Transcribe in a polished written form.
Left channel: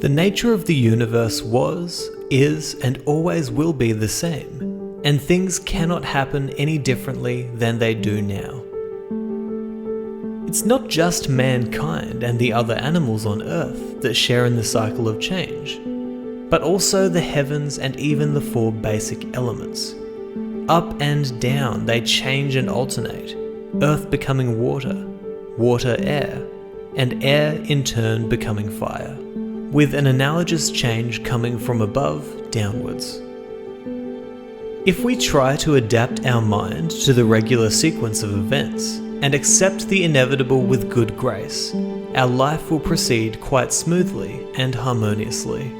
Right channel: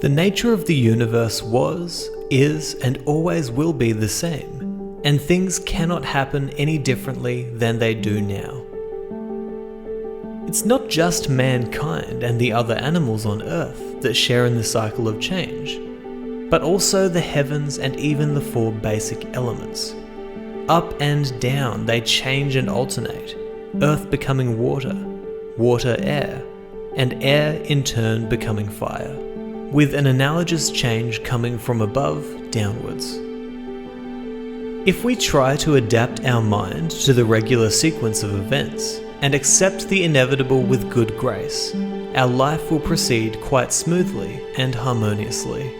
The nature of the universe was, is, and always will be the same, and things cannot happen any differently than they do now. It's not just mankind and the other animals on Earth that share in the cycle of change, but also the heavens and even the four basic elements. Up and down they change and alternate, Earth becoming water, water air, and air in turn becoming fire, with an analogous change coming from above downwards. If we try to adapt our mind to the regular sequence of events and accept the inevitable with good grace, our life will proceed quite smoothly and harmoniously.